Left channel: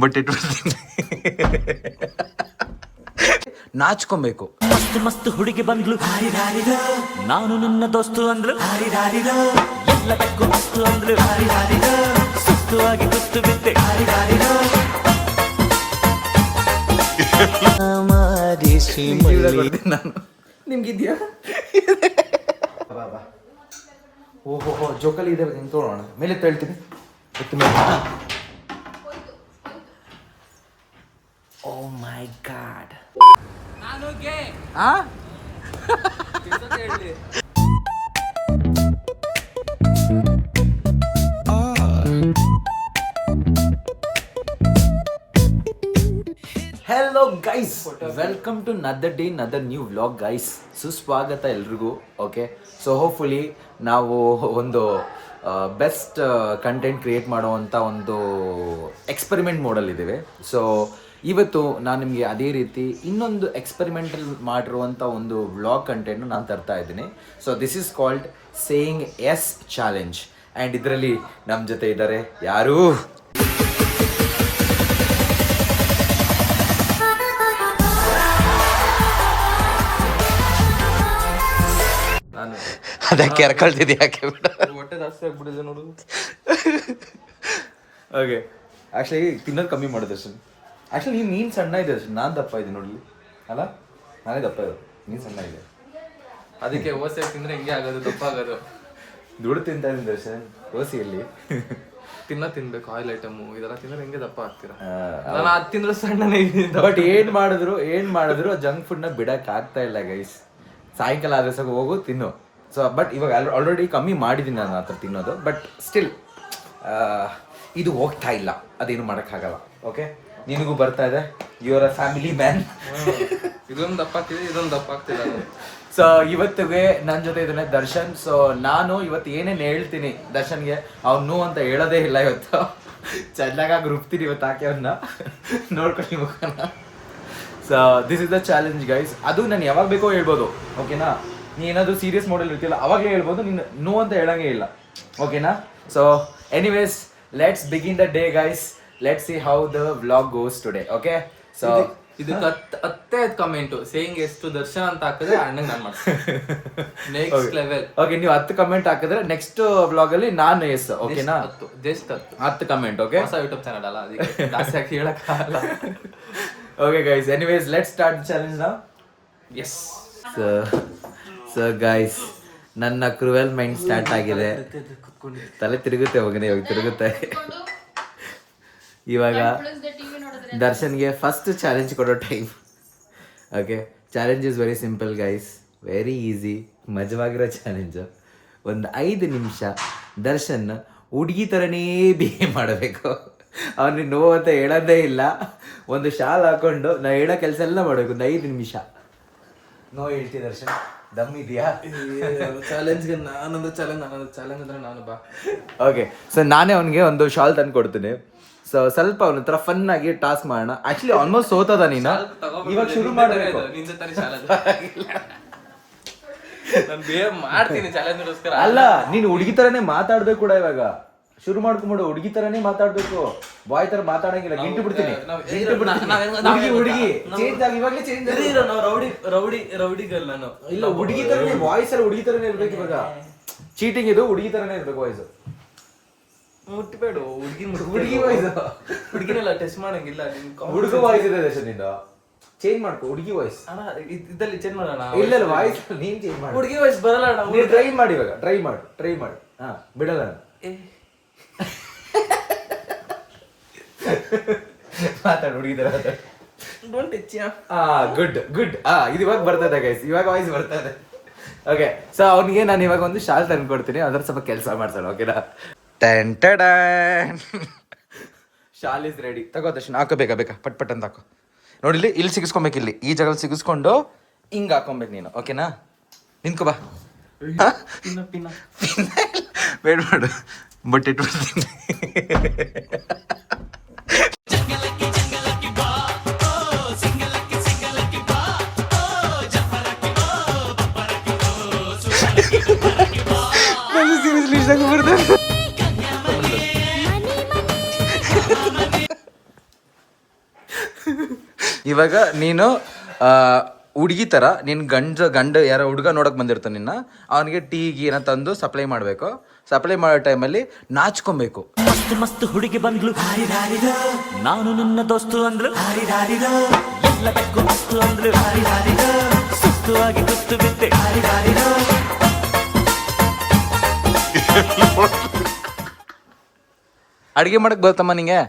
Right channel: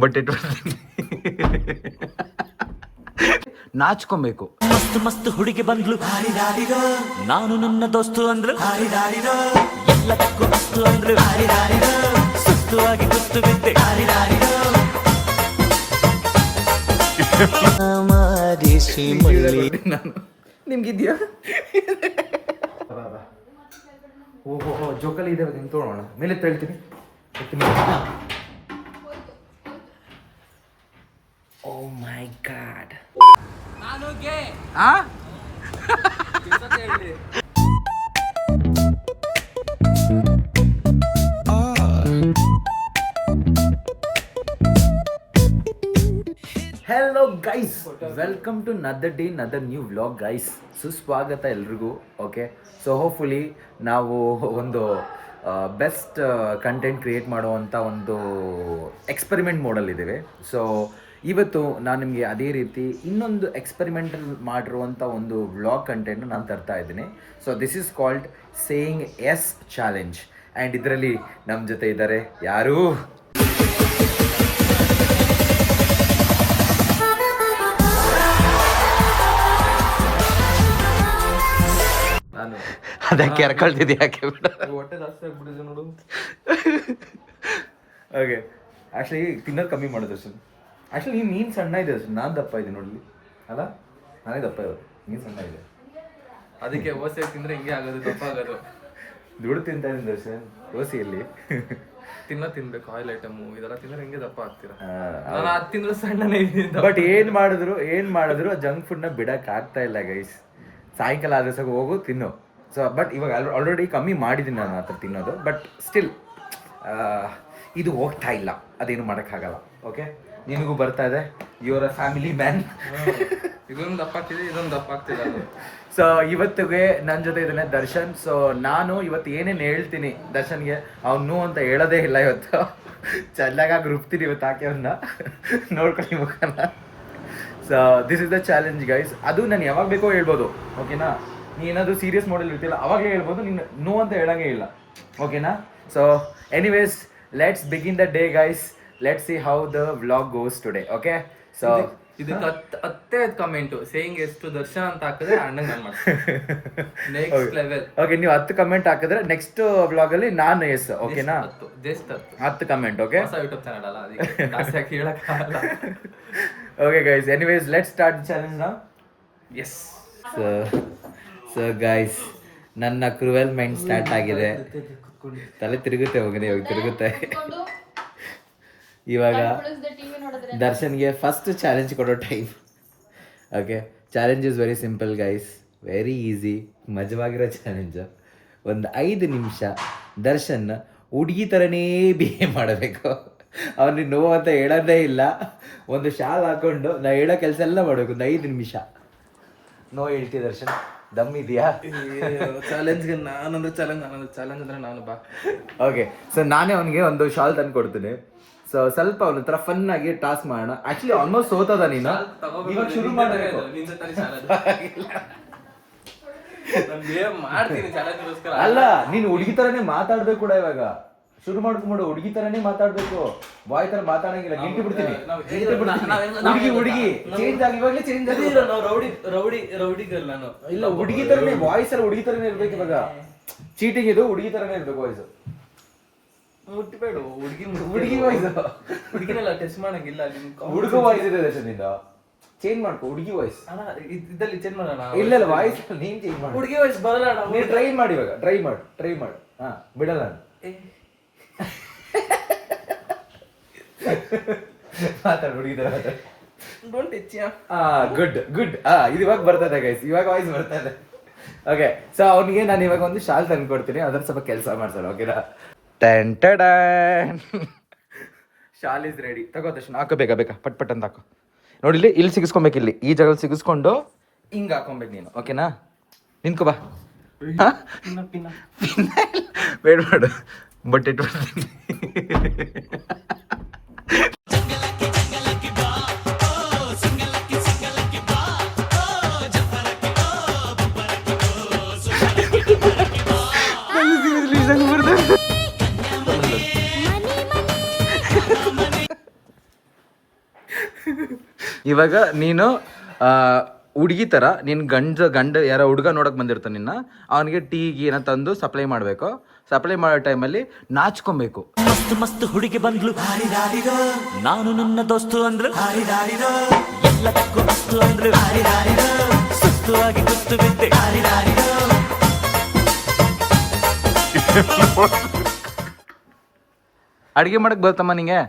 But it ನಾಚ್ಕೊಬೇಕು. ಮಸ್ತ್ ಮಸ್ತ್ ಹುಡುಗಿ ಬಂದ್ಲು, ನಾನು ನಿನ್ನ ದೋಸ್ತು ಅಂದ್ಲು, ಎಲ್ಲದಕ್ಕೂ ಅಸ್ತು ಅಂದ್ಲು, ಸುಸ್ತು ಆಗಿ ಕುಸ್ತು ಬಿದ್ದೆ. ನಿಮ್ಗಿದ್ಯಾ? ಓಹೋ ಜೋಕಲ್ಲಿ ಇದೆ, ಹಿಂಗೆ ತೊಗೊಳೋಣ. ಮೇಲೆ ಹೇಳ್ತೀನಿ. ಓ ಮೈ ಗಾಡ್, ನಾನು ಗೆ ಆ hello guys, welcome to another day another new vlog guys. ಸುಸ್ವಾಗತ ಎಲ್ರಿಗೂ. ಓಕೆ, ಸೊ ಹೋಪ್ಫುಲಿ ನಾವು ಒಂದು ಬೆಸ್ಟ್ ಕಂಟೆಂಟ್ ಕ್ರಿಯೇಟ್ ಮಾಡುವಂಥ ಒಂದು ಎಕ್ಸ್ಪೆರಿಮೆಂಟ್ ಮೋಡಲ್ಲಿದ್ದೇವೆ. ಸೊ ಇವತ್ತು ನಾನು ನಿಮಗೆ ಅದೇ ರೀತಿ ಇನ್ನೊಂದು ಎಕ್ಸ್ಪೆರಿಮೆಂಟಲ್ ಮಾಡಿರುವಂಥ ಒಂದು ವ್ಲಾಗ್ ಕಂಟೆಂಟ್ನ ನಾನು ತರ್ತಾ ಇದ್ದೀನಿ. So this is called saying yes challenge. And ಇದರಲ್ಲಿ ನಮ್ಮ ಜೊತೆ ಇದ್ದಾರೆ ಯಾರು? ನಾನು ಅದಕ್ಕೆ ಎರ್ಕೊಳ್ತಿದ್ದೆ ಯಾಕೆ ಬಿಡ, ಹೊಟ್ಟೆ ಜಾಸ್ತಿ ಆಗ್ಬಿಟ್ಟಿದೆ ನೋಡು. ಓಕೆ, ಆ್ಯಕ್ಚುಲಿ ತಿನ್ನೋದು ಕಮ್ಮಿ ಮಾಡೋದು ಅಷ್ಟೇ. ಆ್ಯಕ್ಚುಲಿ ನೀನು ಮೀನು ಸಣ್ಣ ಇದೆ ಅಷ್ಟೇ, ನಾನು ದಪ್ಪ ಇದೆ ನೋಡಲಿ. ಅಲ್ಲ, ನಾನೇ ದಪ್ಪ ಇರೋದು, ಮೀನು ಸಣ್ಣ ಇದೆ. ಅದಕ್ಕೆ ಓಸೆ ತಿಂದ್ರೆ ಹಿಂಗೆ ಆಗೋದು, ದಪ್ಪ ಆಗೋದು. ದುಡ್ಡು ತಿಂತಾ ಇದ್ದೀನಿ ದರ್ಶನ್, ದೋಸೆಯಲ್ಲಿ ತಿನ್ಬೇಕು ಆಯಿಲ್ ಐಟಮು ಇದೆಲ್ಲ ತಿಂದ್ರೆ ಹಿಂಗೆ ದಪ್ಪ ಆಗ್ತೀರಾ. ನಾನು ಅದು ತಿಂದ್ರೆ ಸಣ್ಣನೇ ಇದ್ದೀನಿ. ಬಟ್ ಏನು ಮಾಡಿದ್ರು ಜಂಕ್ ಫುಡ್ನ ಬಿಡಕ್ಕೆ ಆಗ್ತಾ ಇಲ್ಲ ಗೈಸ್. ಸಾಯಂಕಾಲ ಆದ್ರೆ ಸಾಕು ಹೋಗು ತಿನ್ನು. ಸೊ ಬಟ್ ಇವಾಗ ಆಲ್ರೆಡಿ ಕಮ್ಮಿ ಮಾಡಿದ್ದೀನಿ ನಾನು ಆ ಥರ ತಿನ್ನೋದು. ಬಟ್ ಸ್ಟಿಲ್ ಇದು ಹೋಗ್ತಾ ಇಲ್ಲ, ಅದೇನು ಮಾಡೋಕ್ಕಾಗಲ್ಲ. ಓಕೆ, ನಿನಗೂ ಬರ್ತಾ ಇದೆ, ಯುವರ್ ಅ ಫ್ಯಾಮಿಲಿ ಮ್ಯಾನ್. ಇದೊಂದು ದಪ್ಪ ಆಗ್ತಿದೆ, ಇದೊಂದು ದಪ್ಪ ಆಗ್ತಿಲ್ಲ. ಸೊ ಇವತ್ತಿಗೆ ನನ್ನ ಜೊತೆ ಇದ್ದಾನೆ ದರ್ಶನ್. ಸೊ ನಾನು ಇವತ್ತು ಏನೇನು ಹೇಳ್ತೀನಿ ದರ್ಶನ್ಗೆ ಅವ್ನು ಅಂತ ಹೇಳೋದೇ ಇಲ್ಲ. ಇವತ್ತು ಚೆನ್ನಾಗಾಗಿ ರುಬ್ತೀನಿ ಇವತ್ತು, ಹಾಕಿ ಅವನ್ನ ನೋಡ್ಕೊಳ್ಳಿ ಮುಖನ. So this is the challenge guys. ಅದು ನಾನು ಯಾವಾಗ ಬೇಕೋ ಹೇಳ್ಬೋದು, ಓಕೆನಾ? ನೀ ಏನಾದರೂ ಸೀರಿಯಸ್ ಮಾಡಲ್ ಇರ್ತಿಲ್ಲ ಅವಾಗಲೇ ಹೇಳ್ಬೋದು, ನೀನು ನೋ ಅಂತ ಹೇಳಂಗೆ ಇಲ್ಲ, ಓಕೆನಾ? So anyways, let's begin the day guys. Let's see how the vlog goes today. Okay, so ಇದಕ್ಕೆ ಹತ್ತೇ ಕಮೆಂಟು ಸೇಯಿಂಗ್ ಎಷ್ಟು ದರ್ಶನ್ ಅಂತ ಹಾಕಿದ್ರೆ ಅಣ್ಣಂಗೆ ನಾನು ಮಾಡ್ತೀನಿ. Next level. ಓಕೆ, ನೀವು 10 ಕಮೆಂಟ್ ಹಾಕಿದ್ರೆ ನೆಕ್ಸ್ಟ್ ವ್ಲಾಗ್ ಅಲ್ಲಿ ನಾನು ಎಸ್, ಓಕೆನಾ? 10 ಕಮೆಂಟ್. ಓಕೆ, ಹೊಸ ಯೂಟ್ಯೂಬ್ ಚಾನಲ್ ಅಲ್ಲ, ಅದಕ್ಕೆ ಜಾಸ್ತಿ ಹಾಕಿ ಹೇಳಕ್ಕಾಗಲ್ಲ. Okay guys, anyways let's start the challenge now. Yes. So guys, ನನ್ನ ಕ್ರೂಯಲ್ ಮೈಂಡ್ ಸ್ಟಾರ್ಟ್ ಆಗಿದೆ. ತಲೆ ತಿರುಗುತ್ತೆ, ಹೋಗಿದೆ ಇವಾಗ ತಿರುಗುತ್ತೆ. ಇವಾಗ ದರ್ಶನ್ಗೆ ಫಸ್ಟ್ ಚಾಲೆಂಜ್ ಕೊಡೋ time. Okay, challenge is very simple guys, very easy, ಮಜವಾಗಿರೋ ಚಾಲೆಂಜು. ಒಂದು 5 ನಿಮಿಷ ದರ್ಶನ್ ಹುಡುಗಿ ಥರನೇ ಬಿಹೇವ್ ಮಾಡಬೇಕು. ಅವನಿಗೆ ನೋವು ಅಂತ ಹೇಳೋದೇ ಇಲ್ಲ. ಒಂದು ಶಾಲ್ ಹಾಕೊಂಡು ನಾ ಹೇಳೋ ಕೆಲಸ ಎಲ್ಲ ಮಾಡಬೇಕು. ಒಂದು 5 ನಿಮಿಷ ನೋ ಹೇಳ್ತೀವಿ ದರ್ಶನ್, ದಮ್ ಇದೆಯಾ? ಚಾಲೆಂಜ್ಗೆ ನಾನೊಂದು ಚಾಲೆಂಜ್ ಅಂದ್ರೆ ನಾನು ಬಾ. ಓಕೆ, ಸೊ ನಾನೇ ಅವನಿಗೆ ಒಂದು ಶಾಲ್ ತಂದು ಕೊಡ್ತೀನಿ. ಸೊ ಸ್ವಲ್ಪ ಅವನ ಹತ್ರ ಫನ್ ಆಗಿ ಟಾಸ್ಕ್ ಮಾಡೋಣ. ಆಕ್ಚುಲಿ ಆಲ್ಮೋಸ್ಟ್ ಸೋತದ ನೀನು, ಇವಾಗ ಶುರು ಮಾಡಬೇಕು. ಅಲ್ಲ, ನೀನು ಹುಡುಗಿ ತರನೇ ಮಾತಾಡ್ಬೇಕು ಕೂಡ. ಇವಾಗ ಶುರು ಮಾಡ್ಕೊಂಬಿಡು, ಹುಡುಗಿ ತರನೇ ಮಾತಾಡ್ಬೇಕು. ಬಾಯ್ ತರ ಮಾತಾಡಂಗಿಲ್ಲ, ಗಿಂಟು ಬಿಡ್ತೀನಿ. ಹುಡುಗಿ ಚೇಂಜ್ ಆಗಿ, ಇವಾಗಲೇ ಚೇಂಜ್ ಆಗಿ. ರೌಡಿ ಗರ್ಲ್ ನಾನು. ಇಲ್ಲ, ಹುಡುಗಿ ತರನೇ ವಾಯ್ಸ್ ಎಲ್ಲ ಹುಡುಗಿ ತರನೇ ಇರ್ಬೇಕು. ಇವಾಗ ಚೀಟಿಂಗ್ ಇದು ಹುಡುಗಿ ತರನೇ ಇರ್ಬೇಕು ವಾಯ್ಸ್. ಹುಟ್ಟಬೇಡ ಹುಡುಗಿ ವಾಯ್ಸ್, ಹುಡುಗಿನೆಲ್ಲ ಟೆಸ್ಟ್ ಮಾಡಂಗಿಲ್ಲ. ಹುಡುಗ ವಾಯ್ಸ್ ಇದೆ ದರ್ಶನಿಂದ, ಚೇಂಜ್ ಮಾಡ್ಕೊ ಹುಡುಗಿ ವಾಯ್ಸ್. ಇದ್ದಲ್ಲಿ ಚೇಂಜ್ ಮಾಡೋಣ. ಇಲ್ಲ ವಾಯ್ಸ್ ನೀನ್ ಚೇಂಜ್ ಮಾಡಿ. ಹುಡುಗಿ ವಾಯ್ಸ್ ಬರಲ್ಲ. ನೀನ್ ಟ್ರೈ ಮಾಡಿ, ಇವಾಗ ಟ್ರೈ ಮಾಡು. ಹಾ, ಬಿಡಲ್ಲ ನಾನು. ಮಾತಾಡು ಹುಡುಗಿ ತರ ಮಾತಾಡು. ಗುಡ್. ಇದು ಇವಾಗ ಬರ್ತದೆ ಗೈಸ್, ಇವಾಗ ವಾಯ್ಸ್ ಬರ್ತದೆ. ಓಕೆ, ಸೊ ಅವನಿಗೆ ನಾನು ಇವಾಗ ಒಂದು ಶಾಲ್ ತಂದು ಕೊಡ್ತೀನಿ, ಅದ್ರ ಸ್ವಲ್ಪ ಕೆಲಸ ಮಾಡ್ತಾನೆ. ಓಕೆನಾ? Shawl is ready. ತಗೋ ದರ್ಶನ್, ಹಾಕೋ, ಬೇಕಾ ಪಟ್ ಅಂತ ಹಾಕೋ. ನೋಡಿ, ಇಲ್ಲಿ ಸಿಗಿಸ್ಕೊಬೇಕು, ಇಲ್ಲಿ ಈ ಜಾಗ ಸಿಗಿಸ್ಕೊಂಡು ಹಿಂಗೆ ಹಾಕೊಬೇಕು ನೀನು. ಓಕೆನಾ? ನಿಂತ್ಕೋ ಬಾ. ಬೇಡ ಬಟ್ ಇಟ್ ಇವಾಗ ನೀನು ಹುಡುಗಿ ಥರ ನೀನು ಗಂಡ ಯಾರೋ ಹುಡುಗ ನೋಡೋಕೆ ಬಂದಿರ್ತಾನೆ ನಿನ್ನ, ಅವನಿಗೆ ಟೀ ಗೀನ ತಂದು ಸಪ್ಲೈ ಮಾಡಬೇಕು. ಸಪ್ಲೈ ಮಾಡೋ ಟೈಮಲ್ಲಿ ನಾಚ್ಕೊಬೇಕು. ಮಸ್ತ್ ಮಸ್ತ್ ಹುಡುಗಿ ಬಂದ್ಲು, ನಾನು ನಿನ್ನ ದೋಸ್ತು ಅಂದ್ಲು, ಎಲ್ಲದಕ್ಕೂ ಅಸ್ತು ಅಂದ್ಲು, ಸುಸ್ತು ಆಗಿ ಕುಸ್ತು ಬಿದ್ದೆ. ಅಡುಗೆ ಮಾಡಕ್ಕೆ ಬರ್ತಮ್ಮ ನಿಂಗೆ?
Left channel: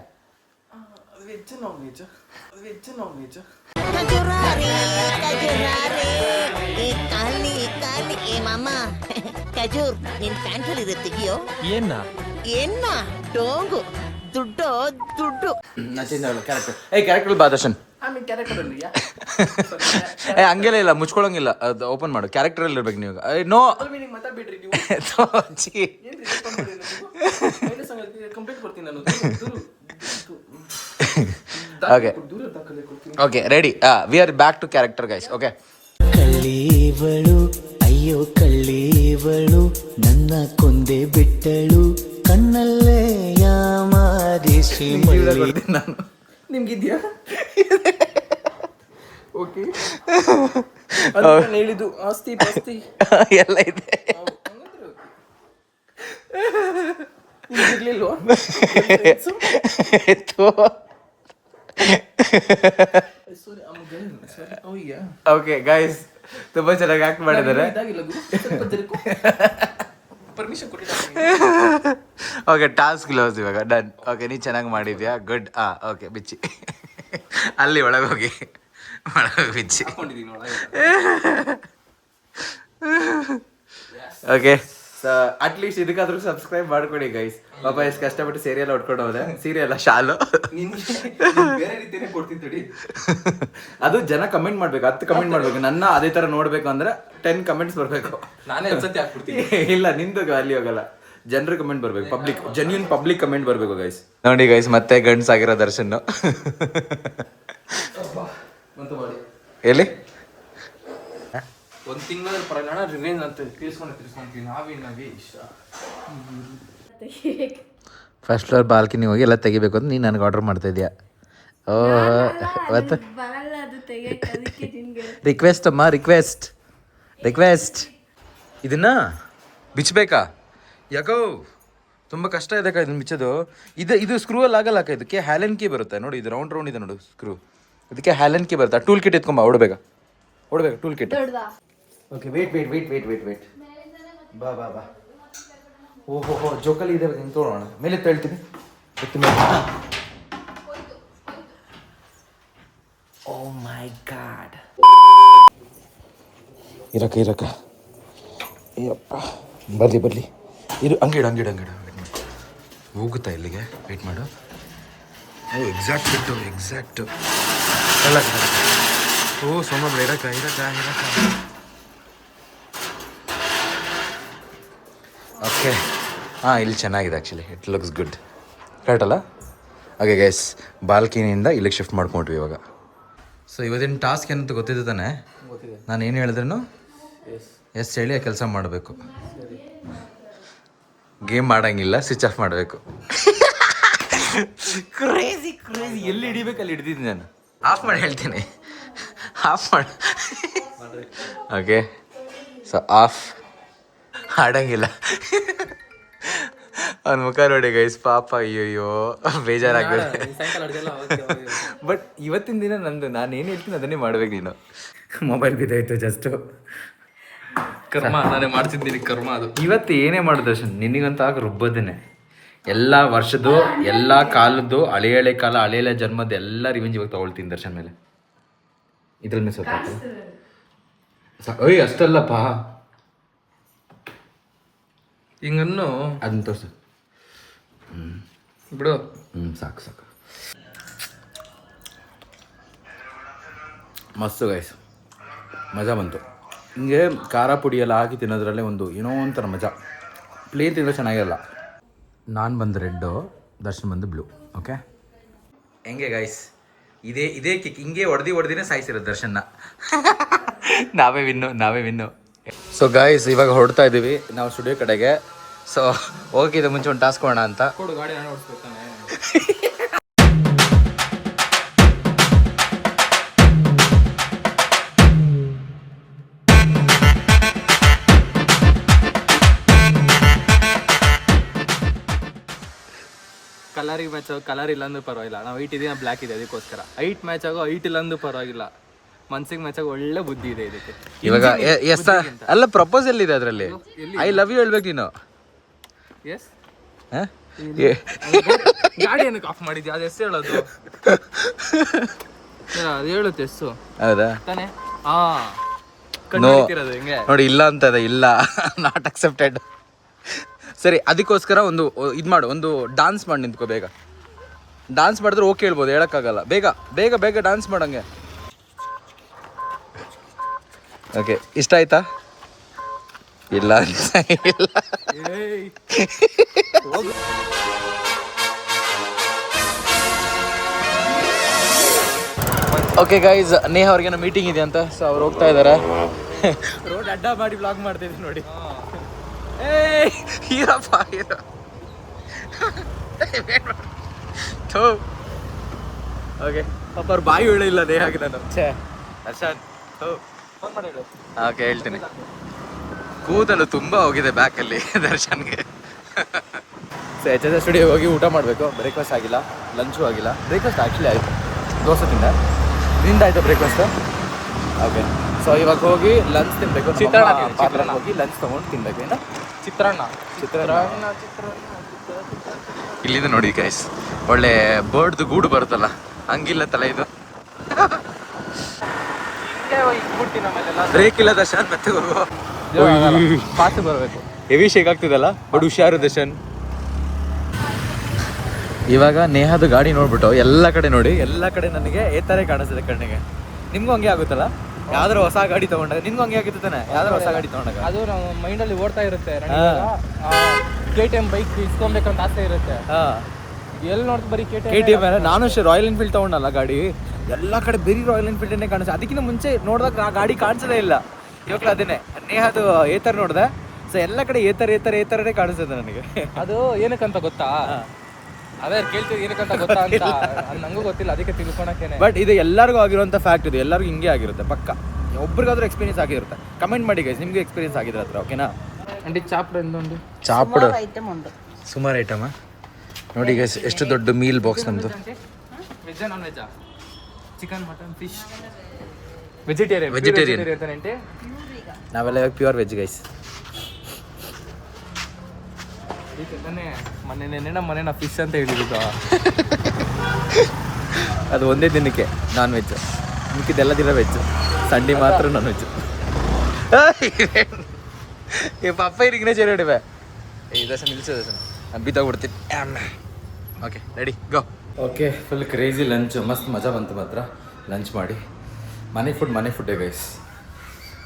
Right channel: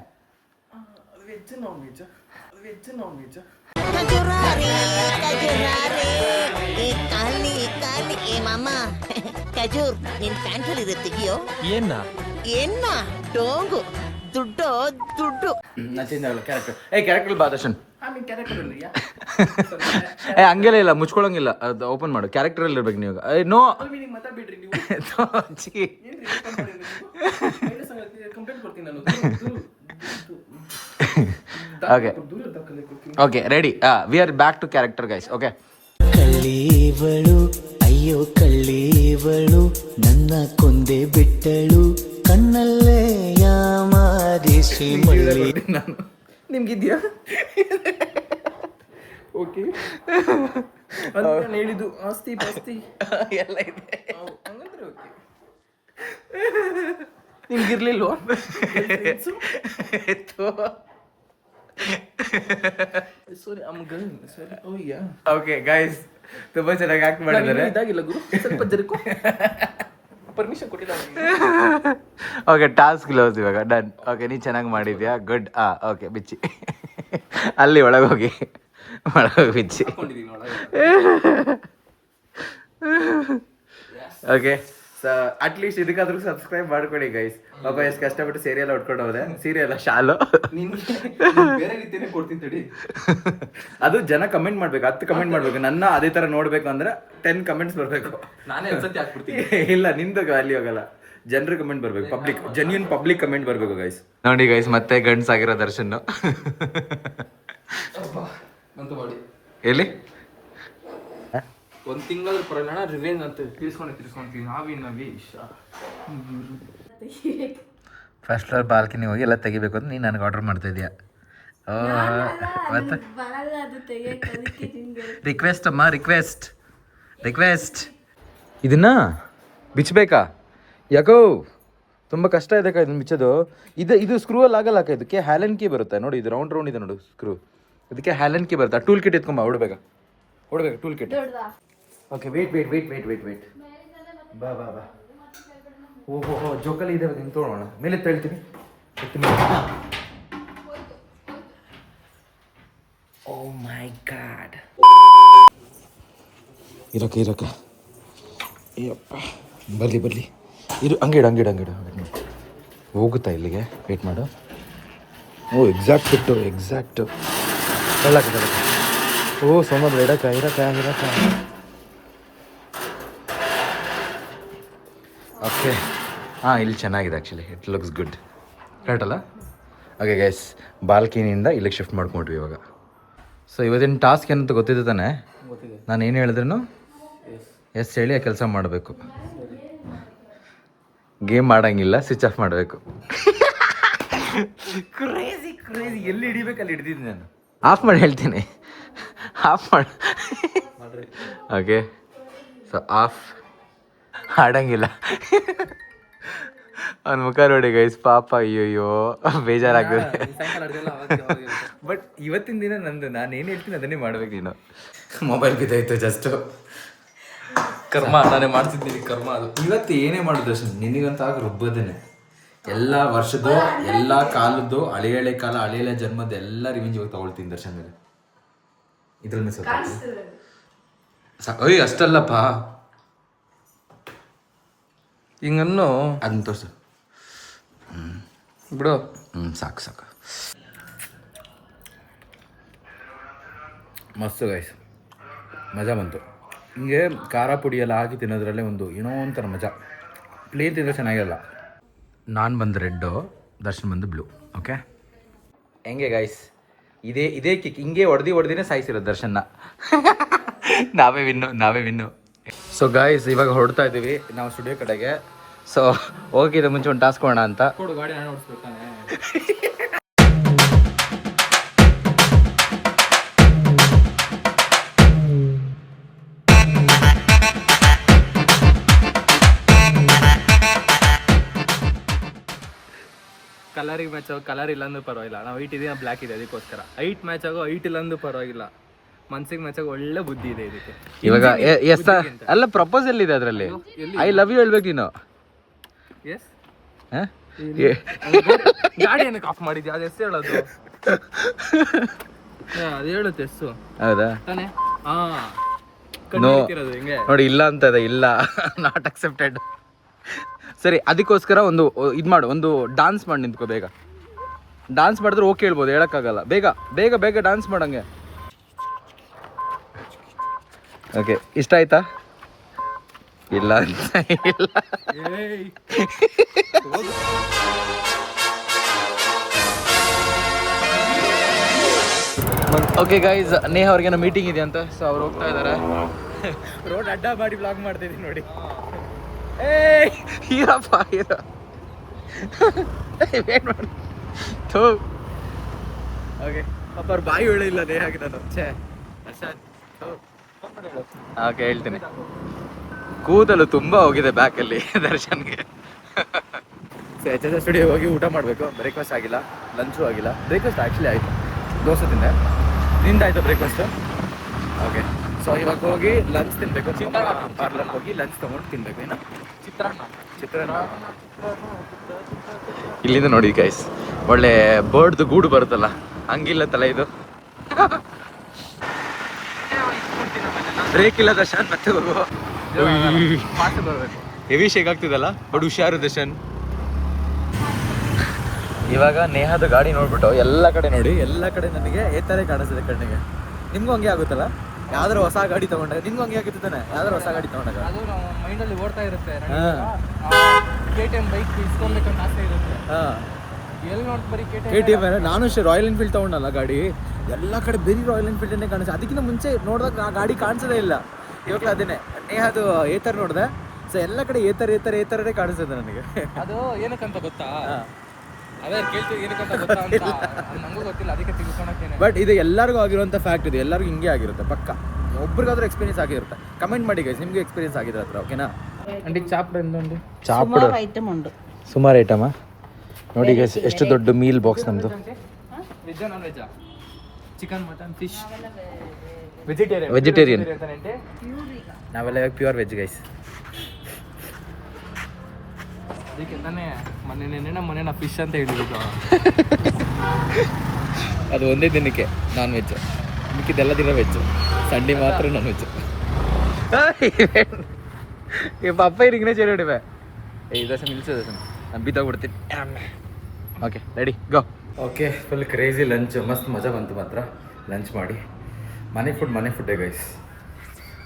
ಖಜೂರ್ ನಿನ್ ಪ್ಯಾಂಟಲ್ಲಿ ತೆಗಿಯೋ. ಏನ್ನ ಡೋಂಗು ದುಡ್ಡು ದುಡ್ಡು. ಕ್ಯಾರೆಕ್ಟರ್ ಬಾ ದರ್ಶನ್. ಹಂಗೆಲ್ಲ ಇಲ್ಲ, ಮುಚ್ಕೊಳಂಗಿಲ್ಲ, ಅದು ಓಪನ್ ಮಾಡು. ಕ್ಯಾರೆಕ್ಟರಲ್ಲಿ ಇರ್ಬೇಕು ನೀವು. No okay ready. We are back to character guys. Okay. ಕಳ್ಳೀವಳು ಅಯ್ಯೋ ಕಳ್ಳೀವಳು ನನ್ನ ಕೊಂದೆ ಬಿಟ್ಟಳು ಕಣ್ಣಲ್ಲೇ ಯಾಮಾರಿ ಶ್ರೀಮಳ್ಳಿ. ನಿಮ್ಗಿದ್ಯಾ? ಓಕೆ ಹೇಳಿದ್ದು ಆಸ್ತಿ ಪಾಸ್ತಿ ಎಲ್ಲ ಇದೆ. ನಿಮ್ಗಿರ್ಲಿಲ್ವಾ? ಓಕೆ ಗೈಸ್, ತುಂಬಾ ಚೆನ್ನಾಗಿ ಆಕ್ಟ್ ಮಾಡಿದ್ದಾರೆ. ಇದಾಗಿಲ್ಲ ಗುರು, ಸ್ವಲ್ಪ ಜರುಕು. ಪರ್ಮಿಷನ್ ಕೊಟ್ಟಿದ್ದಾರೆ. ಓಕೆ, ಟಾಸ್ಕ್ ಕ್ಲೋಸ್ ಇವಾಗ. ಡನ್. ಓಕೆ, ನೀ ಚೆನ್ನಾಗಿ ಮಾಡಿದ್ಯಾ, ಗುಡ್. ಓಕೆ, ಬಿಚ್ಚಿ ಅಲ್ಲಿ ಒಳಗೋಗಿ ಬಿಚ್ಚಿ. ಓಕೆ, ಅಟ್ಲೀಸ್ಟ್ ಇದಕ್ಕಾದ್ರೂ ಸಬ್ಸ್ಕ್ರೈಬ್ ಮಾಡ್ಕೊಡಿ ಗೈಸ್. ಪಾಪ ಎಷ್ಟು ಕಷ್ಟಪಟ್ಟು ಸೀರಿಯಲ್ ಹೊಡ್ಕೊಂಡು ಹೋದೆ. ಸೀರಿಯಲ್ ಶಾಲು ಬೇರೆ ರೀತಿನೇ ಕೊಡ್ತಿದ್ದಿ. ಅದು ಜನ ಕಮೆಂಟ್ ಮಾಡ್ಬೇಕು, 10 ಕಮೆಂಟ್ ಮಾಡ್ಬೇಕು. ನನ್ನ ಅದೇ ತರ ನೋಡ್ಬೇಕು ಅಂದ್ರೆ 10 ಕಮೆಂಟ್ಸ್ ಬರ್ಬೇಕು. ನಾನೇ ಒಂದ್ಸತಿ ಹಾಕ್ಬಿಡ್ತೀನಿ. ಇಲ್ಲ, ನಿಂದು ಅಲ್ಲಿ ಹೋಗಲ್ಲ, ಜನರು ಕಮೆಂಟ್ ಬರ್ಬೇಕು. ಪಬ್ಲಿಕ್, ಜೆನ್ಯೂನ್ ಪಬ್ಲಿಕ್ ಕಮೆಂಟ್ ಬರ್ಬೇಕು ಗೈಸ್. ನೋಡಿ ಗೈಸ್, ಮತ್ತೆ ಗಂಡ್ಸಾಗಿರೋ ದರ್ಶನ್ ಬಂತು ಮಾಡಿ ಎಲ್ಲಿ ಒಂದ್ ತಿಂಗಳ ಪರಲ್ಲ ರಿವೆಂಜ್ ಅಂತ ತೀರ್ಸ್ಕೊಂತೀವಿ. ನಾವೇ ಇಷ್ಟ. ಫಸ್ಟ್ ಫ್ಲೋರ್ ಬಾಲ್ಕನಿ ಹೋಗಿ ಎಲ್ಲ ತೆಗಿಬೇಕು ಅಂತ ನೀನು ನನಗೆ ಆರ್ಡರ್ ಮಾಡ್ತಾ ಇದೆಯಾ? ರಿಕ್ವೆಸ್ಟ್ ಅಮ್ಮ, ರಿಕ್ವೆಸ್ಟ್. ಇದನ್ನ ಬಿಚ್ಚಬೇಕಾ? ಯಾಕೋ ತುಂಬ ಕಷ್ಟ ಇದೆ ಅಕ್ಕ ಇದನ್ನ ಬಿಚ್ಚೋದು. ಇದು ಸ್ಕ್ರೂ ಅಲ್ಲಿ ಆಗಲ್ಲ ಅಕ್ಕ. ಇದಕ್ಕೆ ಹ್ಯಾಲನ್ ಕೀ ಬರುತ್ತೆ ನೋಡಿ. ಇದು ರೌಂಡ್ ಇದೆ ನೋಡು ಸ್ಕ್ರೂ. ಇದಕ್ಕೆ ಹ್ಯಾಲನ್ ಕೀ ಬರುತ್ತೆ. ಟೂಲ್ ಕಿಟ್ ಎತ್ಕೊಂಬ, ಹೊಡ್ಬೇಕು ಟೂಲ್ ಕಿಟ್. Okay, wait. ಬಾ. ಓಹೋ, ಜೋಕಲ್ಲಿ ಇದೆ, ಹಿಂಗೆ ತೊಗೊಳೋಣ. ಮೇಲೆ ತಳ್ತೀನಿ. ಓ ಮೈ ಗಾಡ್. ಇರಕ್ಕ ಅಯ್ಯಪ್ಪ, ಬರ್ಲಿ ಇರು. ಹಂಗಿಡ ಹೋಗುತ್ತಾ ಇಲ್ಲಿಗೆ? ವೇಟ್ ಮಾಡು. ಓ, ಎಕ್ಸಾಕ್ಟು ಹೇಳಕ್ಕ. ಓ ಸೋಮ ಬಿಡ, ಇರಕ್ಕ. ಓಕೆ, ಇಲ್ಲಿ ಚೆನ್ನಾಗಿದೆ actually. It looks good. Correct ಅಲ್ಲ? ಓಕೆ ಗೈಸ್, ಬಾಲ್ಕನಿಯಿಂದ ಇಲ್ಲಿಗೆ ಶಿಫ್ಟ್ ಮಾಡ್ಕೊಂಡ್ವಿ ಇವಾಗ. ಸೊ ಇವತ್ತಿನ ಟಾಸ್ಕ್ ಏನಂತ ಗೊತ್ತಿದೆ ತಾನೆ? ನಾನು ಏನು ಹೇಳಿದ್ರೂ ಎಸ್ ಹೇಳಿ ಆ ಕೆಲಸ ಮಾಡಬೇಕು. ಗೇಮ್ ಮಾಡಂಗಿಲ್ಲ, ಸ್ವಿಚ್ ಆಫ್ ಮಾಡಬೇಕು. ಕ್ರೇಜಿ ಎಲ್ಲಿ ಹಿಡಿಬೇಕು ಅಲ್ಲಿ ಹಿಡ್ದಿದ್ದೀನಿ ನಾನು. ಆಫ್ ಮಾಡಿ ಹೇಳ್ತೀನಿ, ಆಫ್ ಮಾಡಿ. Okay, so off. ಆಡಂಗಿಲ್ಲ. ಅವ್ನ ಮುಖ ನೋಡಿ ಗೈಸ್, ಪಾಪ. ಅಯ್ಯೋ ಬೇಜಾರಾಗ್ತದೆ. ಬಟ್ ಇವತ್ತಿನ ದಿನ ನಂದು, ನಾನು ಏನು ಹೇಳ್ತೀನಿ ಅದನ್ನೇ ಮಾಡ್ಬೇಕು. ನೀನು ಮೊಬೈಲ್ ಬಿದ್ದಾಯ್ತು ಜಸ್ಟ್. ಕರ್ಮ, ನಾನು ಮಾಡ್ತಿದ್ದೀನಿ ಕರ್ಮ ಅದು. ಇವತ್ತು ಏನೇ ಮಾಡೋದು ದರ್ಶನ್, ನಿನಗಂತ ಆಗ ರುಬ್ಬೋದೇನೆ. ಎಲ್ಲ ವರ್ಷದ್ದು, ಎಲ್ಲ ಕಾಲದ್ದು, ಹಳೆ ಕಾಲ, ಹಳೆ ಜನ್ಮದ ಎಲ್ಲ ರಿವೆಂಜ್ ಇವಾಗ ತಗೊಳ್ತೀನಿ ದರ್ಶನ್ ಮೇಲೆ. ಇದ್ರಲ್ಲಿ ಮಿಸ್ ಓಯ್ ಅಷ್ಟಲ್ಲಪ್ಪ, ಹಿಂಗನ್ನು ಅದನ್ನ ತೋರ್ಸು. ಬಿಡು. ಸಾಕು. ಮಸ್ತು ಗೈಸ್, ಮಜಾ ಬಂತು. ಹಿಂಗೆ ಖಾರ ಪುಡಿ ಎಲ್ಲ ಹಾಕಿ ತಿನ್ನೋದ್ರಲ್ಲೇ ಒಂದು ಏನೋ ಒಂಥರ ಮಜಾ. ಪ್ಲೇನ್ ತಿಂದರೆ ಚೆನ್ನಾಗಿರಲ್ಲ. ನಾನು ಬಂದು ರೆಡ್ಡು, ದರ್ಶನ್ ಬಂದು ಬ್ಲೂ. ಓಕೆ, ಹೆಂಗೆ ಗೈಸ್? ಇದೇ ಕಿಕ್. ಹಿಂಗೆ ಹೊಡೆದಿನೇ ಸಾಯಿಸಿರೋದು ದರ್ಶನ್ನ. ನಾವೇ ವಿನ್ನು. ಸೊ ಗಾಯ್ಸ್, ಇವಾಗ ಹೊರಡ್ತಾ ಇದ್ದೀವಿ ನಾವು ಸ್ಟುಡಿಯೋ ಕಡೆಗೆ. ಸೊ ಹೋಗಿದ್ದೆ ಮುಂಚೆ ಒಂದು ಟಾಸ್ಕ್ ಮಾಡೋಣ ಅಂತ. ಕೊಡು, ಗಾಡಿ ನಾನು ಓಡಿಸ್ಬೇಕಾನೆ. ಕಲರಿಗೆ ಮ್ಯಾಚ್ ಆಗೋ ಕಲರ್ ಇಲ್ಲ ಅಂದ್ರೂ ಪರವಾಗಿಲ್ಲ. ನಾವು ಹೈಟ್ ಇದೀನ ಬ್ಲ್ಯಾಕ್ ಇದೆ ಅದಕ್ಕೋಸ್ಕರ. ಹೈಟ್ ಮ್ಯಾಚ್ ಆಗೋ ಹೈಟ್ ಇಲ್ಲ ಅಂದ್ರೂ ಪರವಾಗಿಲ್ಲ. ಮನ್ಸಿಗೆ ಮ್ಯಾಚ್ ಆಗೋ ಒಳ್ಳೆ ಬುದ್ಧಿ ಇದೆ ಇದಕ್ಕೆ. ಇವಾಗ ಎಸ್ ಅಲ್ಲ ಪ್ರಪೋಸಲ್ ಇದೆ ಅದರಲ್ಲಿ. ಐ ಲವ್ ಯು ಹೇಳ್ಬೇಕು ನೀನು. ಎಸ್ ಗಾಡಿ ಏನಕ್ಕೆ ಆಫ್ ಮಾಡಿದ್ಯಾ? ಅದು ಎಷ್ಟು ಹೇಳೋದು? ಅದು ಹೇಳುತ್ತೆ ಎಷ್ಟು ಹೌದಾ ತಾನೇ? ನೋಡಿ ಇಲ್ಲ ಅಂತ ಇದೆ, ಇಲ್ಲ ನಾಟ್ ಅಕ್ಸೆಪ್ಟೆಡ್. ಸರಿ ಅದಕ್ಕೋಸ್ಕರ ಒಂದು ಇದು ಮಾಡು, ಒಂದು ಡಾನ್ಸ್ ಮಾಡಿ ನಿಂತ್ಕೋ ಬೇಗ. ಡಾನ್ಸ್ ಮಾಡಿದ್ರೆ ಓಕೆ ಹೇಳ್ಬೋದು, ಹೇಳೋಕ್ಕಾಗಲ್ಲ. ಬೇಗ ಬೇಗ ಬೇಗ ಡಾನ್ಸ್ ಮಾಡಂಗೆ. ಓಕೆ ಇಷ್ಟ ಆಯ್ತಾ? ಇಲ್ಲ ಅಂತ ಇಲ್ಲ. ಓಕೆ ಗೈಸ್, ನೇಹ ಅವ್ರಿಗೇನೋ ಮೀಟಿಂಗ್ ಇದೆ ಅಂತ, ಸೊ ಅವ್ರು ಹೋಗ್ತಾ ಇದ್ದಾರೆ. ರೋಡ್ ಅಡ್ಡ ಮಾಡಿ ಬ್ಲಾಗ್ ಮಾಡ್ತಿದ್ದೀನಿ ನೋಡಿ. ಹೀರಪ್ಪ ಹೀರೋ ಓಕೆ ಪಾಪ ಅವ್ರು ಬಾಯಿ ಹೇಳಿಲ್ಲ ನೇಹಾಗೆ ನಾನು. ಓಕೆ ಹೇಳ್ತೀನಿ. ಕೂದಲು ತುಂಬ ಹೋಗಿದೆ ಬ್ಯಾಕಲ್ಲಿ ದರ್ಶನ್ಗೆ. ಸೊ ಎಚ್ ಎಸ್ ಸ್ಟುಡಿಯೋ ಹೋಗಿ ಊಟ ಮಾಡಬೇಕು. ಬ್ರೇಕ್ಫಾಸ್ಟ್ ಆಗಿಲ್ಲ, ಲಂಚು ಆಗಿಲ್ಲ. ಬ್ರೇಕ್ಫಾಸ್ಟ್ ಆ್ಯಕ್ಚುಲಿ ಆಯಿತು, ದೋಸೆ ತಿಂದೆ. ನಿಂದಾಯಿತು ಬ್ರೇಕ್ಫಾಸ್ಟು? ಓಕೆ ಸೊ ಇವಾಗ ಹೋಗಿ ಲಂಚ್ ತಿನ್ನಬೇಕು. ಪಾರ್ಲರ್ ಹೋಗಿ ಲಂಚ್ ತೊಗೊಂಡು ತಿನ್ನಬೇಕು. ಏನು ಚಿತ್ರಾನ್ನ. ಇಲ್ಲಿಂದ ನೋಡಿ ಗೈಸ್, ಒಳ್ಳೆ ಬರ್ಡ್ದು ಗೂಡು ಬರುತ್ತಲ್ಲ, ಹಂಗಿಲ್ಲ ತಲೆ ಇದು. ಬ್ರೇಕ್ ಇಲ್ಲ ದರ್ಶನ್, ಮತ್ತೆ ಹೋಗು. ಬರಬೇಕು. ಹೆವಿ ಶೇಕ್ ಆಗ್ತಿದಲ್ಲ, ಬಟ್ ಹುಷಾರು ದರ್ಶನ್. ಇವಾಗ ನೇಹದು ಗಾಡಿ ನೋಡ್ಬಿಟ್ಟು ಎಲ್ಲ ಕಡೆ ನೋಡಿ, ಎಲ್ಲ ಕಡೆ ನನಗೆ ಈ ಥರ ಕಾಣಿಸ್ತದೆ ಕಣ್ಣಿಗೆ. ನಿಮ್ಗೂ ಹಂಗೆ ಆಗುತ್ತಲ್ಲ? ಯಾವ್ದಾರು ಹೊಸ ಗಾಡಿ ತಗೊಂಡಾಗ ನಿಮ್ಗೂ ಹಂಗೆ ಆಗುತ್ತೆ ತಾನೆ? ಯಾವ್ದಾರು ಹೊಸ ಗಾಡಿ ತಗೊಂಡಾಗ ಅದು ನಮ್ಮ ಮೈಂಡಲ್ಲಿ ಓಡ್ತಾ ಇರುತ್ತೆ. ಹಾಂ KTM ಬೈಕ್ ಇಸ್ಕೊಬೇಕಂತ ಆಸೆ ಇರುತ್ತೆ. ಹಾಂ ಎಲ್ಲಿ ನೋಡ್ತು ಬರೀ KTM. ನಾನು ಅಷ್ಟೇ ರಾಯಲ್ ಎನ್ಫೀಲ್ಡ್ ತೊಗೊಂಡಲ್ಲ ಗಾಡಿ, ಎಲ್ಲ ಕಡೆ ಬರೀ ರಾಯಲ್ ಎನ್ಫೀಲ್ಡನ್ನೇ ಕಾಣಿಸ್ತದೆ. ಅದಕ್ಕಿಂತ ಮುಂಚೆ ನೋಡಿದಾಗ ಆ ಗಾಡಿ ಕಾಣಿಸೋದೇ ಇಲ್ಲ. ಇವಾಗಲೂ ಅದನ್ನೇ ನೇಹದು ಏತರ್ ನೋಡಿದೆ. ಸೊ ಎಲ್ಲ ಕಡೆ ಏತರೇ ಕಾಣಿಸ್ತದೆ ನನಗೆ. ಅದು ಏನಕ್ಕಂತ ಗೊತ್ತಾ? ಅದೇ ಕೇಳ್ತೀವಿ ಏನಕ್ಕಂತ ಗೊತ್ತಾ ಅಂತ. ನಂಗೂ ಗೊತ್ತಿಲ್ಲ, ಅದಕ್ಕೆ ತಿಳ್ಕೊಳಕ್ಕೇನೆ. ಬಟ್ ಇದು ಎಲ್ಲರಿಗೂ ಆಗಿರುವಂಥ ಫ್ಯಾಕ್ಟ್. ಇದು ಎಲ್ಲರಿಗೂ ಹಿಂಗೆ ಆಗಿರುತ್ತೆ ಪಕ್ಕ. ಒಬ್ರಿಗಾದ್ರೂ ಎಕ್ಸ್ಪೀರಿಯನ್ಸ್ ಆಗಿರುತ್ತೆ. ಕಮೆಂಟ್ ಮಾಡಿ ಗೈಸ್, ನಿಮಗೆ ಎಕ್ಸ್ಪೀರಿಯನ್ಸ್ ಆಗಿದ್ರೆ ಹತ್ರ. ಓಕೆನಾ? ಚಾಪಡು ಸುಮಾರು ಐಟಮಾ ನೋಡಿ ಗೈಸ್, ಎಷ್ಟು ದೊಡ್ಡ ಮೀಲ್ ಬಾಕ್ಸ್ ನಮ್ಮದು. ವೆಜ್ ನಾನ್ ವೆಜ್ಜಾ? Chicken, mutton, fish, vegetarian. ನಾವೆಲ್ಲ ಇವಾಗ ಪ್ಯೂರ್ ವೆಜ್ ಗೈಸ್. ಅದಕ್ಕೆ ತಾನೇ ಮನೇನ ಫಿಶ್ ಅಂತ ಹೇಳಿದ್ದು. ಅದು ಒಂದೇ ದಿನಕ್ಕೆ ನಾನ್ ವೆಜ್, ಮಿಕ್ಕಿದ್ದೆಲ್ಲ ದಿನ ವೆಜ್. ಸಂಡೇ ಮಾತ್ರ ನಾನ್ ವೆಜ್. ಪಪ್ಪ ಇರಿಗಿನೇ ಚೇರಿ ಹೊಡಿವೆ. ದರ್ಶನ್ ನಿಲ್ಸು ದರ್ಶನ್, ನಾನು ಬಿದ್ದೋಗ್ಬಿಡ್ತೀನಿ. Okay ready go. Okay full crazy lunch, ಮಸ್ತ್ ಮಜಾ ಬಂತು ಮಾತ್ರ ಲಂಚ್ ಮಾಡಿ. ಮನೆ ಫುಡ್ಡೇ ಗೈಸ್.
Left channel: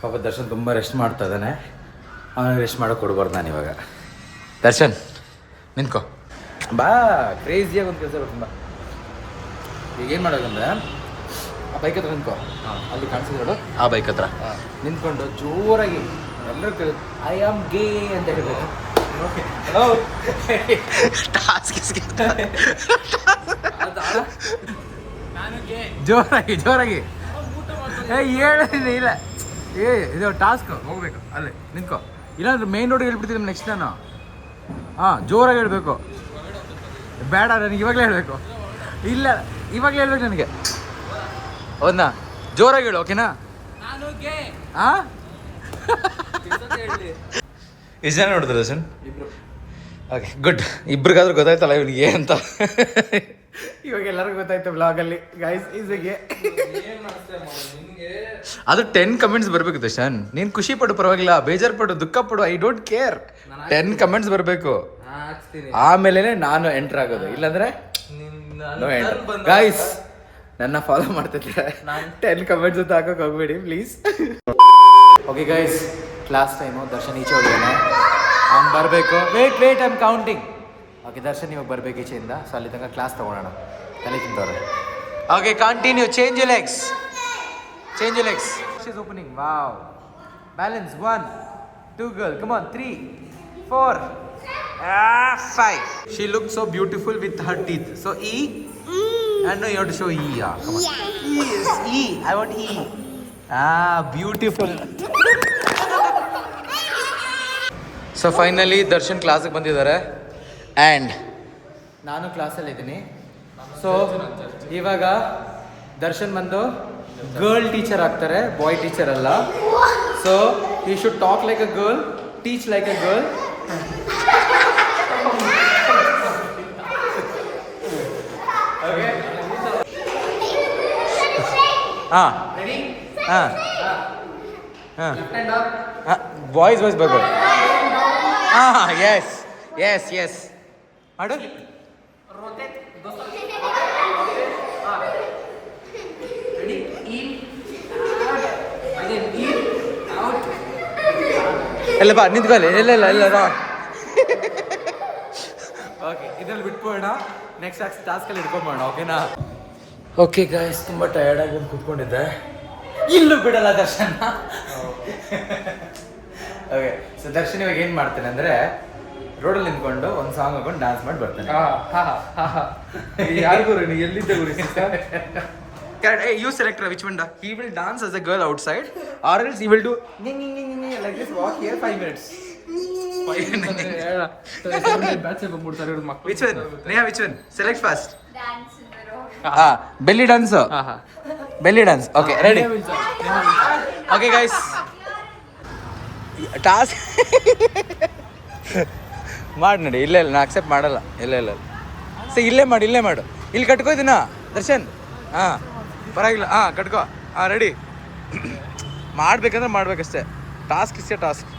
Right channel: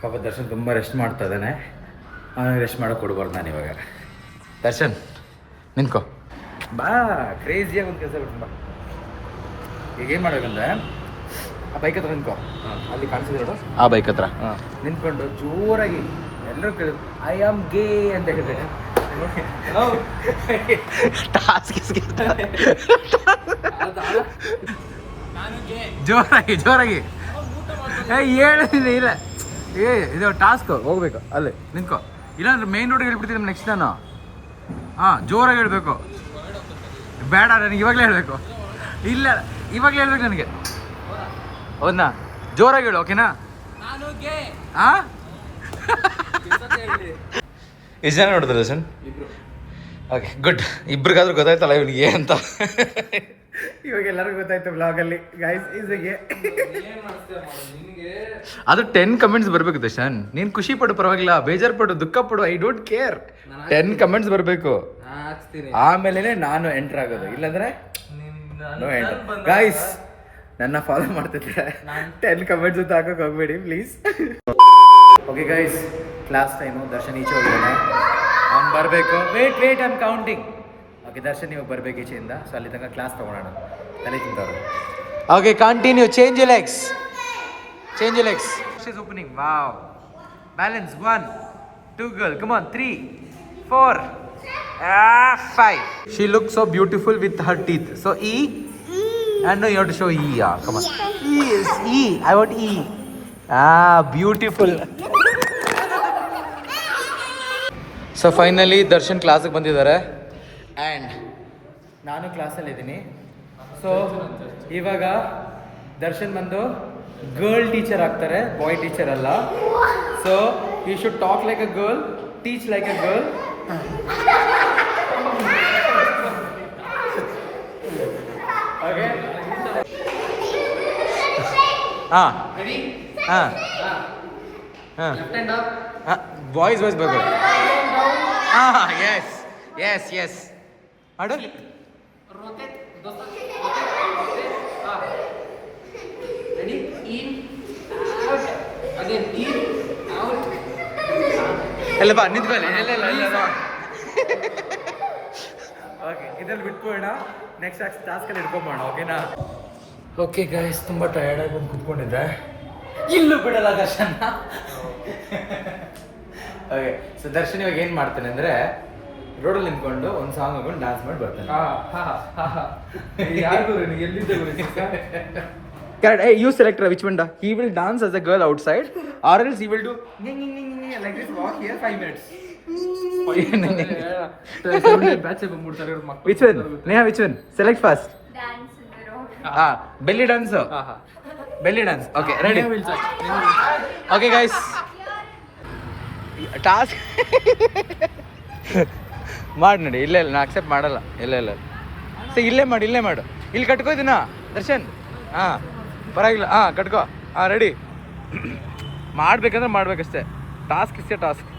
ಪಾಪ ದರ್ಶನ್ ತುಂಬ ರೆಸ್ಟ್ ಮಾಡ್ತಾ ಇದ್ದಾನೆ. ಅವನಿಗೆ ರೆಸ್ಟ್ ಮಾಡೋಕೆ ಕೊಡ್ಬಾರ್ದು ನಾನು ಇವಾಗ. ದರ್ಶನ್ ನಿಂತ್ಕೋ ಬಾ. ಕ್ರೇಜಿಯಾಗಿ ಒಂದು ಕೆಲಸ ತುಂಬ. ಈಗ ಏನು ಮಾಡೋಕಂದ್ರೆ ಆ ಬೈಕ್ ಹತ್ರ ನಿಂತ್ಕೋ, ಅಲ್ಲಿ ಕಾಣಿಸಿದ್ರು ನೋಡು, ಆ ಬೈಕ್ ಹತ್ರ ನಿಂತ್ಕೊಂಡು ಜೋರಾಗಿ ಎಲ್ಲರೂ ಕೇಳಿದ್ರು ಐ ಆಮ್ ಗೇ ಅಂತ ಹೇಳ್ಬೇಕು. ಜೋರಾಗಿ ಹೇಳಿದ್ರೆ ಇಲ್ಲ. ಇದು ಟಾಸ್ಕ್ ಹೋಗ್ಬೇಕು. ಅಲ್ಲೇ ನಿಂತ್ಕೋ, ಇಲ್ಲಾಂದ್ರೆ ಮೇನ್ ರೋಡಿಗೆ ಹೇಳ್ಬಿಡ್ತೀನಿ ನೆಕ್ಸ್ಟ್ ನಾನು. ಹಾಂ ಜೋರಾಗಿ ಹೇಳ್ಬೇಕು. ಬೇಡ ನನಗೆ ಇವಾಗಲೇ ಹೇಳಬೇಕು. ಇಲ್ಲ ಇವಾಗಲೇ ಹೇಳ್ಬೇಕು ನನಗೆ. ಹೌದಾ? ಜೋರಾಗಿ ಹೇಳು. ಓಕೆನಾ? ಹಾಂ ಎಷ್ಟು ಜನ ನೋಡಿದ್ರು ದರ್ಶನ್? Okay good. ಇಬ್ರಿಗಾದ್ರೂ ಗೊತ್ತಾಯ್ತಲ್ಲ ಇವನಿಗೆ ಅಂತ. ಇವಾಗ ಎಲ್ಲರಿಗೂ ಗೊತ್ತಾಯ್ತು ಬ್ಲಾಗಲ್ಲಿ ಗೈಸ್. ಈಸಿಗೆ ಅದು 10 ಕಮೆಂಟ್ಸ್ ಬರಬೇಕು ದರ್ಶನ್. ನೀನು ಖುಷಿ ಪಡು ಪರವಾಗಿಲ್ಲ, ಬೇಜಾರು ಪಡು, ದುಃಖ ಪಡು, ಐ ಡೋಂಟ್ ಕೇರ್. 10 ಕಮೆಂಟ್ಸ್ ಬರಬೇಕು, ಆಮೇಲೆ ನಾನು ಎಂಟ್ರ್ ಆಗೋದು. ಇಲ್ಲಾಂದ್ರೆ ನೋ ಎಂಟ್ರ್. ಗೈಸ್ ನನ್ನ ಫಾಲೋ ಮಾಡ್ತಿದ್ರೆ 10 ಕಮೆಂಟ್ಸ್ ಅಂತ ಹಾಕೋಕೆ ಹೋಗ್ಬೇಡಿ please. Okay guys, class time. Darshan ಈಚೆ ಹೋಗಿದ್ದಾನೆ, ಅವ್ನು ಬರಬೇಕು. Wait I am counting. Okay Darshan ಇವಾಗ ಬರಬೇಕು ಈಚೆಯಿಂದ. ಸೊ ಅಲ್ಲಿ ತನಕ ಕ್ಲಾಸ್ ತೊಗೊಳೋಣ, ತಲೆ ತಿಂತವ್ರೆ. Okay continue. Change you legs. She's opening. Wow. Balance. 1 2 girl. Come on. 3 4 5. She looks so beautiful with her teeth. So E. And no, you have to show E. Yeah, come on. E is E. I want E. Beautiful. So finally Darshan ಕ್ಲಾಸಿಗೆ ಬಂದಿದ್ದಾರೆ. And ನಾನು ಕ್ಲಾಸಲ್ಲಿ ಇದ್ದೀನಿ. So ಇವಾಗ ದರ್ಶನ್ ಬಂದು girl teacher ಆಗ್ತಾರೆ, boy teacher ಅಲ್ಲ. So you should talk like a girl, teach like a girl. Okay ಹಾಂ ಹಾಂ ಹಾಂ ಬಾಯ್ಸ್ ಬಾಯ್ಸ್ ಬಾಯ್ ಬಾಯ್. ಹಾಂ ಎಸ್ ಎಸ್ ಎಸ್ ಮಾಡು. ಎಲ್ಲ ಬಾ ನಿಂತ್ಕೊಳ್ಳಿ. ಇಲ್ಲ ಇಲ್ಲ ಇಲ್ಲ ಬಾ. ಓಕೆ ಇದ್ರಲ್ಲಿ ಬಿಟ್ಬೋಣ, ನೆಕ್ಸ್ಟ್ ಟಾಸ್ಕಲ್ಲಿ ಹಿಡ್ಕೊಂಬೋಣ. ಓಕೆನಾ? ಓಕೆ ಗಾಯ್ಸ್, ತುಂಬ ಟಯರ್ಡಾಗಿ ಬಂದು ಕೂತ್ಕೊಂಡಿದ್ದೆ. ಇಲ್ಲೂ ಬಿಡಲ್ಲ ದರ್ಶನ್. ಓಕೆ, ಸೊ ದರ್ಶನ್ ಇವಾಗ ಏನು ಮಾಡ್ತಾನೆ ಅಂದರೆ ರೋಡಲ್ಲಿ ನಿಂತ್ಕೊಂಡು ಒಂದು ಸಾಂಗ್ ಹಾಕೊಂಡು ಡ್ಯಾನ್ಸ್ ಮಾಡಿ ಬರ್ತಾನೆ. ಯಾರಿಗೂ ಎಲ್ಲಿದ್ದೆ You select which one. He will dance as a girl outside, or else he will do like this. Walk here 5 minutes. Which one? Neha, which one? Select fast. Belly dance. Belly dance. Okay, ready. Okay, guys. Task. ಮಾಡಿ ನೋಡಿ. ಇಲ್ಲ ಇಲ್ಲ, ನಾ accept ಮಾಡಲ್ಲ. ಇಲ್ಲ ಇಲ್ಲ so ಇಲ್ಲೇ ಮಾಡು, ಇಲ್ಲೇ ಮಾಡು. ಇಲ್ಲಿ ಕಟ್ಕೋ ಇದನ್ನ ದರ್ಶನ್. ಹಾಂ ಪರವಾಗಿಲ್ಲ. ಹಾಂ ಕಟ್ಕೋ. ಹಾಂ ರೆಡಿ. ಮಾಡ್ಬೇಕಂದ್ರೆ ಮಾಡ್ಬೇಕಷ್ಟೇ. ಟಾಸ್ಕ್ ಇಷ್ಟೇ ಟಾಸ್ಕ್.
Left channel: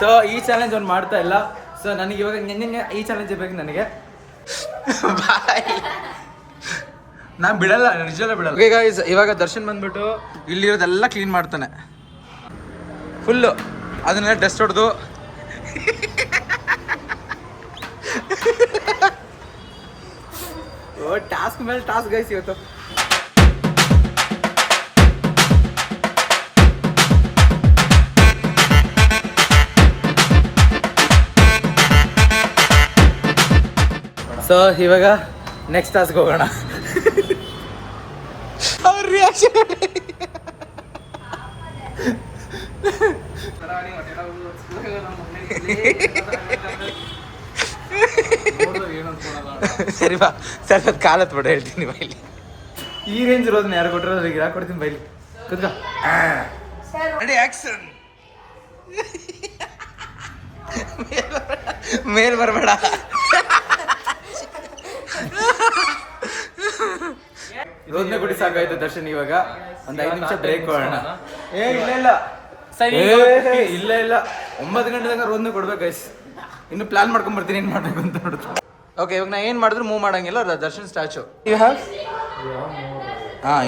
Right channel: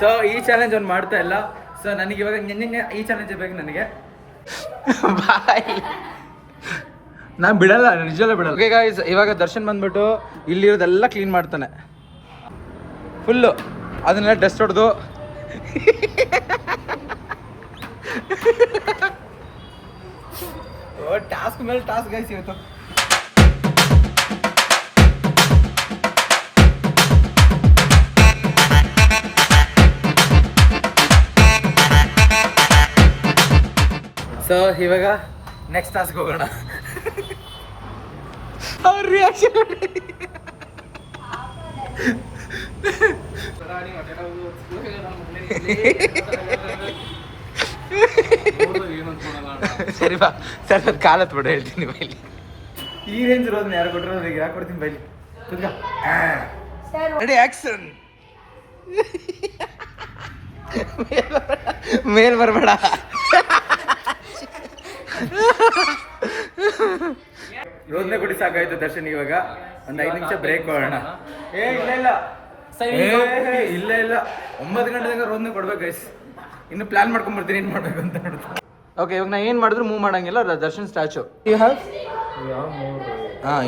ಸೊ ಈ ಚಾಲೆಂಜ್ ಅವ್ನು ಮಾಡ್ತಾ ಇಲ್ಲ. ಸೊ ನನಗೆ ಇವಾಗ ಈ ಚಾಲೆಂಜ್ ಬೇಕು ನನಗೆ. ನಾನು ಬಿಡಲ್ಲ, ನಿಜವೇ ಬಿಡಲ್ಲ. ಓಕೆ ಗೈಸ್, ಇವಾಗ ದರ್ಶನ್ ಬಂದ್ಬಿಟ್ಟು ಇಲ್ಲಿರೋದೆಲ್ಲ ಕ್ಲೀನ್ ಮಾಡ್ತಾನೆ ಫುಲ್ಲು. ಅದನ್ನೆಲ್ಲ ಡಸ್ಟ್ ಹೊಡೆದು ಟಾಸ್ಕ್ ಮೇಲೆ ಟಾಸ್ಕ್ ಗೈಸ್ ಇವತ್ತು. ಸೊ ಇವಾಗ ನೆಕ್ಸ್ಟ್ ಟಾಸ್ಕ್ ಹೋಗೋಣ. ಅವ್ರ ರಿಯಾಕ್ಷನ್ ಸರಿ ಬಾ ಸರ್, ಅದು ಕಾಲತ್ ಬಿಡ ಹೇಳ್ತೀನಿ ಬೈಲಿ. ಈ ರೇಂಜ್ ಇರೋದನ್ನ ಯಾರು ಕೊಟ್ಟರೆ ನನಗೆ ಯಾಕೆ ಕೊಡ್ತೀನಿ ಬೈಲಿ. ಕುದ್ಗ ರೆಡಿ ಆಕ್ಷನ್. ಮೇಲ್ ಬರಬೇಡ. ರೋದ್ನೆ ಕೊಡಿ ಸಾಕಾಯ್ತು ದರ್ಶನ್. ಇವಾಗ ಒಂದು 5 ನಿಮಿಷ ಬ್ರೇಕ್ ಕೊಡೋಣ. ಇಲ್ಲ ಇಲ್ಲ ಇಲ್ಲ ಇಲ್ಲ 9 ಗಂಟೆ ತನಕ ರೋದ್ನೆ ಕೊಡ್ಬೇಕು ಗೈಸ್. ಇನ್ನು ಪ್ಲಾನ್ ಮಾಡ್ಕೊಂಡ್ ಬರ್ತೀನಿ ಏನು ಮಾಡ್ಬೇಕು ಅಂತ ನೋಡುದು. ಓಕೆ, ಇವಾಗ ನಾ ಏನು ಮಾಡಿದ್ರು ಮೂವ್ ಮಾಡಂಗಿಲ್ಲ. Darshan statue. You have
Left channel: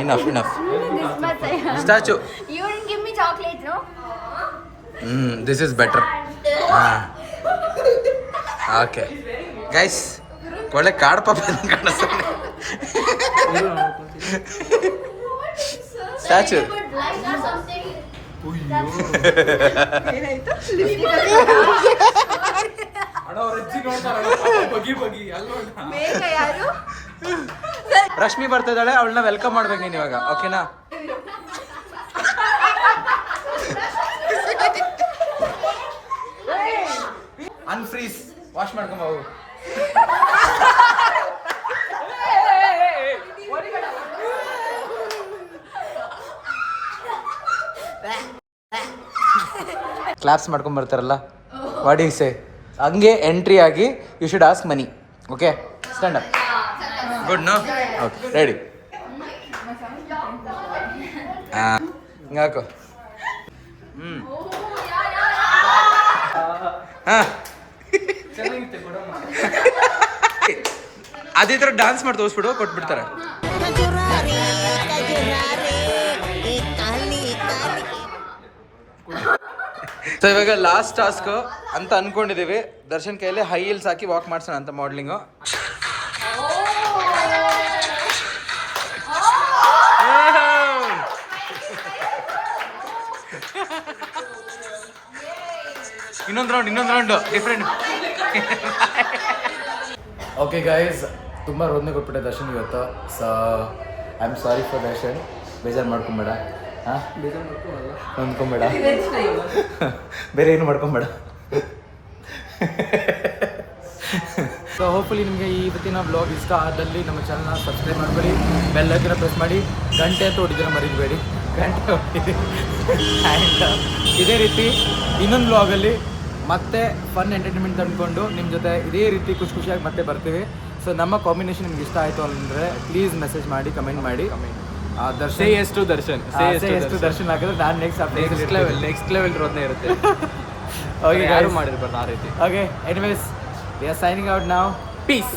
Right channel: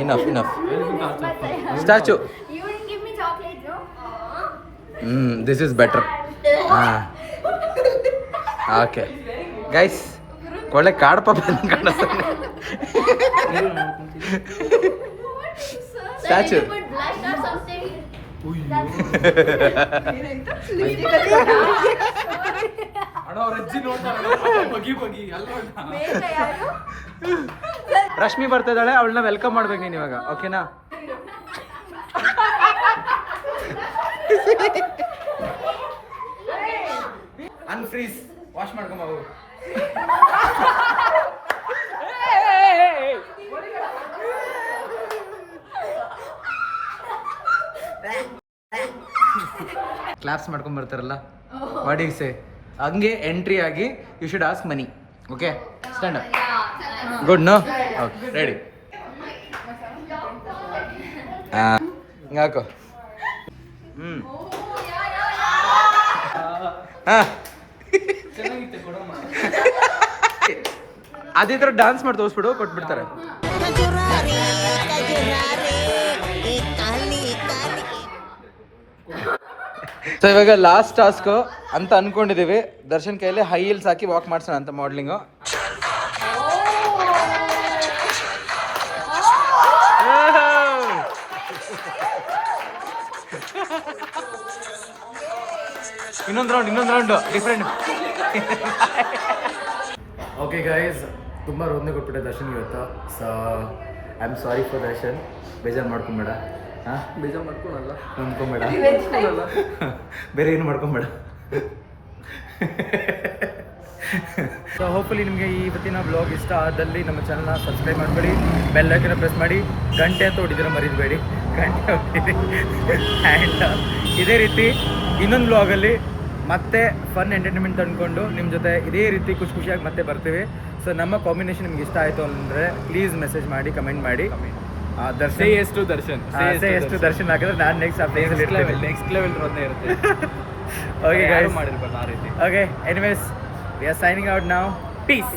enough statue. This is better. Okay guys, ಒಳ್ಳೆ ಕಾಡು ಪಾಪ ಕಾಣಿಸ್ತಾನೆ ಸ್ಟ್ಯಾಚು. ರಶ್ಮಿ ಬರ್ತಾ ಇದ್ದಾಳೆ, ಅವಳನ್ನ ವೆಲ್ಕಮ್ ಮಾಡ್ಬೇಕು ನೀನು ಇವಾಗ. ಓಕೆನಾ? Unfreeze, wash ಮಾಡ್ಕೊಂಬವು. ಕ್ಲಾಪ್ಸ್ ಮಾಡ್ಕೊಂಡ್ ಬರ್ತಾರಲ್ಲ, ವಾಟ್ ಯು ಸೇ? ಹಂಗೆ ಎಂಟ್ರಿ ಆಗಿ you should ask money. Okay, stand up. Good no? Okay ready. ಹಿಂಗಾಕು. ಅದೇ ಥರ ಡಾನ್ಸ್ ಮಾಡಿ ತೋರಿಸ್ಬಿಡು, ಕೊಟ್ಬಿಡ್ತಾರೆ. ಸೊ ಇವಾಗ ಲಾಸ್ಟ್ ಟಾಸ್ಕ್ ಅಂತ ಅನ್ಕೊಂಡಿದೀವಿ. ದರ್ಶನ್ ಕೈಯಲ್ಲಿ ಹೈ ಹೀಲ್ಸ್ ಹಾಕಿ ವಾಕ್ ಮಾಡ್ಸೋಣ ಅಂತ ಮಾಡಲಿಂಗು. ಇನ್ನೊಂದು ರೌಂಡ್ ಡಿಫ್ರೆಂಟ್. ಓಕೆ ಗೈಸ್, ತುಂಬ ರೋದನೆ ಕೊಟ್ಬಿಟ್ಟೆ ದರ್ಶನ್ ಇವತ್ತು. So I am sorry for Darshan, ಬೇಜಾರು ಮಾಡ್ಕೊಂಬೇಡ. ಹಾಂ ಬೇಜಾರು ಮಾಡ್ಕೊಳಲ್ಲ. ಹೊಂದ್ಕೊಂಬೇಡ, ಬೇರೆ ಏನು ಮಾಡ್ಕೊಂಬೇಡ. ಸೊ ಹೋಪ್ಫುಲಿ ನಿಮಗೆ ಇವತ್ತಿನ ವ್ಲಾಗ್ ಇಷ್ಟ ಆದಲ್ಲಿ ನಮ್ಮ ಚಾನಲ್ನ ಸಬ್ಸ್ಕ್ರೈಬ್ ಮಾಡ್ಕೊಳ್ಳಿ, ಬೆಲ್ ಐಕನ್ನ ಪ್ರೆಸ್ ಮಾಡಿ, ಗಂಟೆ ಅಂತ ಹೊಡಿದ್ರೆ ಮರಿಬೇಡಿ, ಗಂಟೆ ಹೋಗ್ತಿದೆ. ಆ್ಯಂಡ್ ಇದೇ ರೀತಿ ಇನ್ನೊಂದು ವ್ಲಾಗಲ್ಲಿ ಮತ್ತೆ ಫನ್ ಎಂಟರ್ಟೈನ್ಮೆಂಟ್ ತಂದ್ಕೊಂಡು ನಿಮ್ಮ ಜೊತೆ ಇದೇ ರೀತಿ ಖುಷಿಯಾಗಿ ಮತ್ತೆ ಬರ್ತೀವಿ. ಸೊ ನಮ್ಮ ಕಾಂಬಿನೇಷನ್ ನಿಮ್ಗೆ ಇಷ್ಟ ಆಯಿತು ಅಂದರೆ ಪ್ಲೀಸ್ ಮೆಸೇಜ್ ಮಾಡಿ, ಕಮೆಂಟ್ ಮಾಡಿ. ದರ್ಶನ್ ಎಷ್ಟು ದರ್ಶನ್ ಎಷ್ಟು ದರ್ಶನ್ ಹಾಕಿದ್ರೆ ನಾನು ನೆಕ್ಸ್ಟ್ ಆ ಪ್ಲೇಸಲ್ಲಿ ಇರ್ತೀನಿ. ನೆಕ್ಸ್ಟ್ ಲೆವೆಲ್ ರೋದನೆ ಇರುತ್ತೆ. ಓಕೆ ಗೈಸ್, ಮಾಡಿರ್ಬಾರ್ದು ಆ ರೀತಿ. Okay anyways we are signing out now. Piece.